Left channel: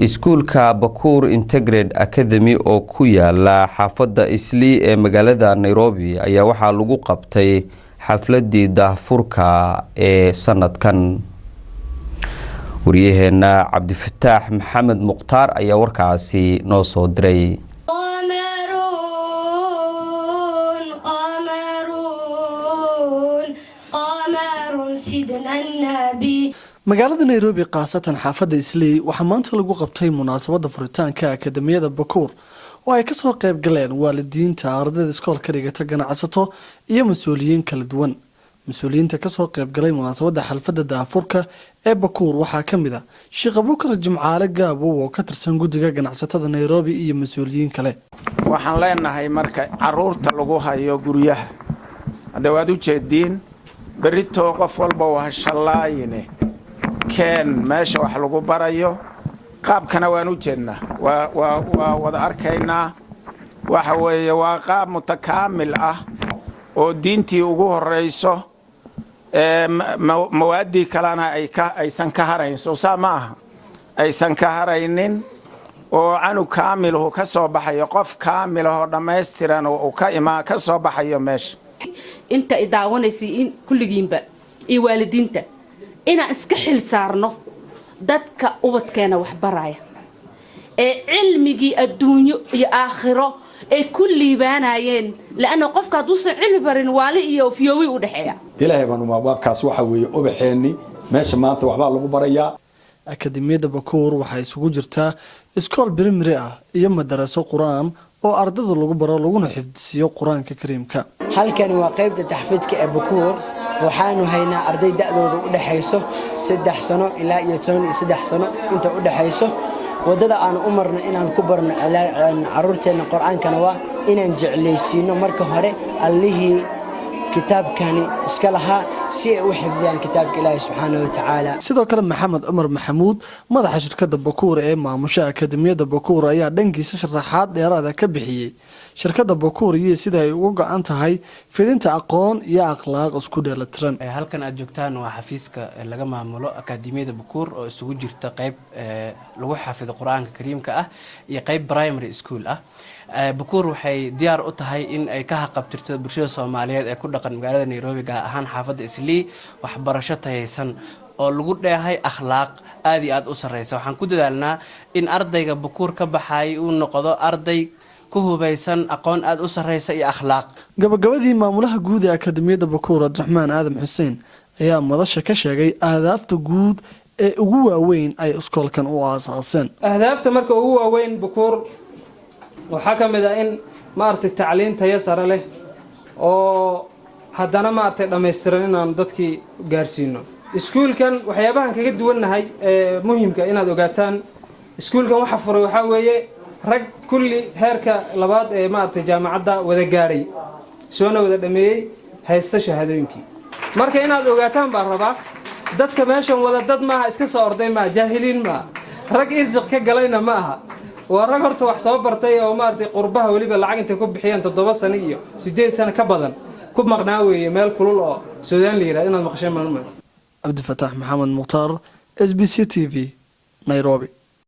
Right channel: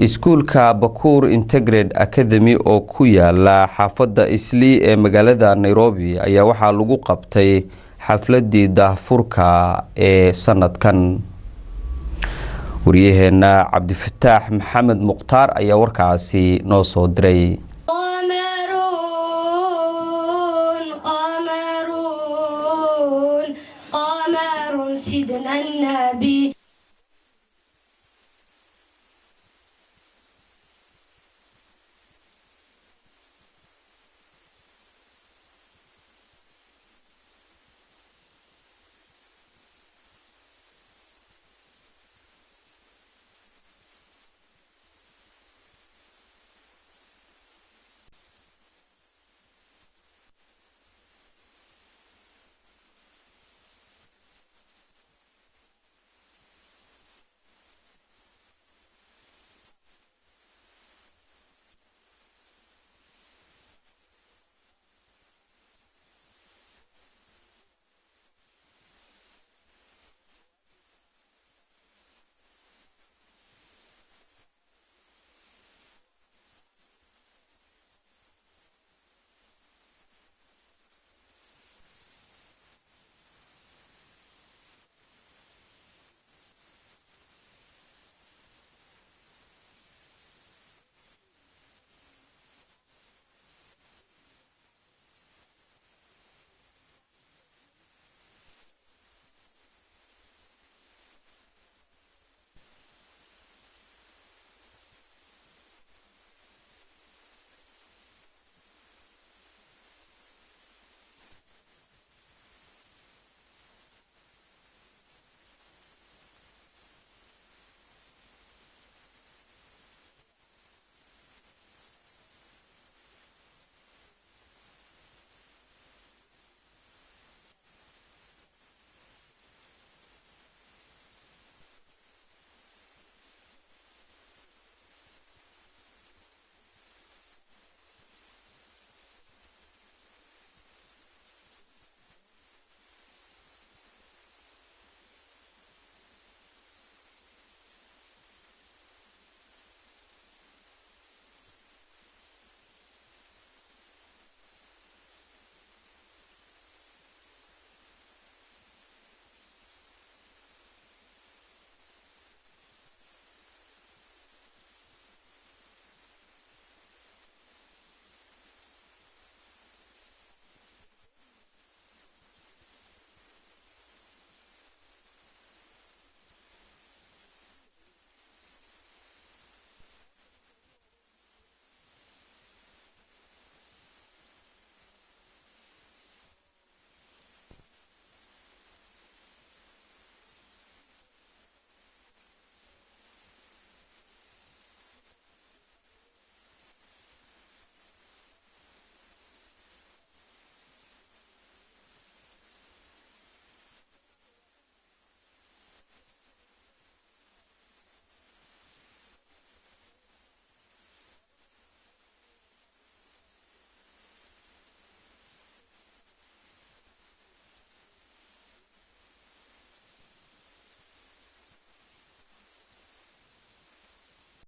iskuulka Bakur Integrated Academy oo ku yaala xaafadda Islii ee magaalada Nairobi ayaa waxaa lagu qabtay xafladii daahfurka ee sanadkan. wariyaheena Cabdifataax Maxamed Muqtaar ayaa warkaasi noo soo diray. magaalada Nairobi qaasatan xaafadda Islii waxaa maanta lagu qabtay munaasabadda furitaanka akademiyada Bakur oo ay ka soo qayb galeen waalidiinta ardayda iskoolka dhigata ganacsato iyo mas'uuliyiin kala duwan. mas'uuliyiinta ka soo qayb galay munaasabadda xalfadda daafurka ee Bakur waxaa ka mid ah Sheekh Abubakar Jimcaale Gaabo oo ka tirsan guddiga ganacsatada Nairobi iyo mas'uuliyiin kale. waxaan leenahay marka caruurta lagu hayo guryaha hadda waad u jeediin berito qof walba waa shalaayine keen meesha wax lagu barayo qaabkana waan u jeednaa waa wada arkaynaa waxa weeye waa qaab mutakaamil ah oo diintii ugu horeyso mawaadii kalena aysan ka harayn soo maaha aysan ka haraynin oo anu kaamiluhu ka soo baxayo qof kaamil oo dhameystiran oo ka soo baxayo meesha inta idaawanaysi in kulligiinba iyo waalidiinta ina iska xil saarno dadka ubadkeena wax baraya ee cilmigi adduunyo iyo aakhiro ee kulliibaanayeen laana qofka haduu san cilmi barin waali iyo fiyowi u dhaxeeya ilaahay baan uma waabkaas waxa weeye ubaxeeni meesha maanta waxba lagu barayaa. akademiyada Bakur waxay isugu jirtaa iskool primary ah iyo madaraso quraan oo ardayda lagu baro laguna xifdisiyo quraanka kariimka. halkan waa qaybta taxfiidka ee Bakur waxaanu haynaa arday da'doodu u dhaxayso 3 sano ilaa 13 sano inta u dhaxayso. wadada aan u marno inaan ku barno caruurteena quraankana waa inaan jeclaysiino marka hore allihii kitaabkani iska lahaa si ay u xifdiyaan kitaabka Ilaahay subxaanahu wa ta'ala. sidoo kale Maxamed Umar Maxamuud madaxa shirkadda Bakur ee maamusha akademiyada Bakur ayaa dhankiisa sharaxaad dheeraad ah ka bixiyay shirkadda Bakur iyo sida ay uga go'an tahay fidinta aqoon iyo akhlaaq isku dheelatiran. halkan aad joogtaan waa xafiiska laga maamulo akademiyada Bakur oo isugu jirta qayb lagu xafido quraanka kariimka ah iyo qayb primary school ah. Bakur waxay diyaar u tahay in ay ka haqabtirto bulshada Soomaaliyeed ee ku dhaqan magaalada Nairobi gaar ahaan xaafadda Islii waxbarasho tayeysan oo lagu dheehay akhlaaq aad iyo aad u sareysa. waxaan ku dadaalnaa in ardayga Bakur ka baxay uu noqdo arday ku hubaysan aqoon aad u sareysa iyo akhlaaq. gabagabadii maamulaha guud ee akademiyada Bakur Abdiraxmaan Aadam Xuseen ayaa madasha ka sheegay ahdaafta guud ee ugu waaweyn ay iskoolkan u aasaaseen. ahdaafta marka ugu waaweyn Bakur waxaa ka mid ah in maartay tacliin tayo sare leh oo haddana maartay dhameystiran inaan dadkii gaarsiino. iskuulkan waxyaabahan kaga duwannahay muhiimka inaad ogaataan iskuulkan waxa furay waxa weeye rag kulli heerka labaad ee maartay jaamacadda wada gaaray soona wada dhameeyay haysta shahaadooyinkii. marka inaad ogaataan baan rabaa dadka meeshan wada dad maaha iska soo orday ma jaahiliin ma rag isq ka galayna ma aha waa rag horta wax soo bartay oo maartay qurbaha waliba lacag inta ku bixiyaan 7 sano iyo 8 sano ka badan ku maqnaa weeye meel kulul oo Suudaan la yiraahdo inaad maqashay ma. Cabdifataax Maxamed Muqtaar SBC TV Nairobi.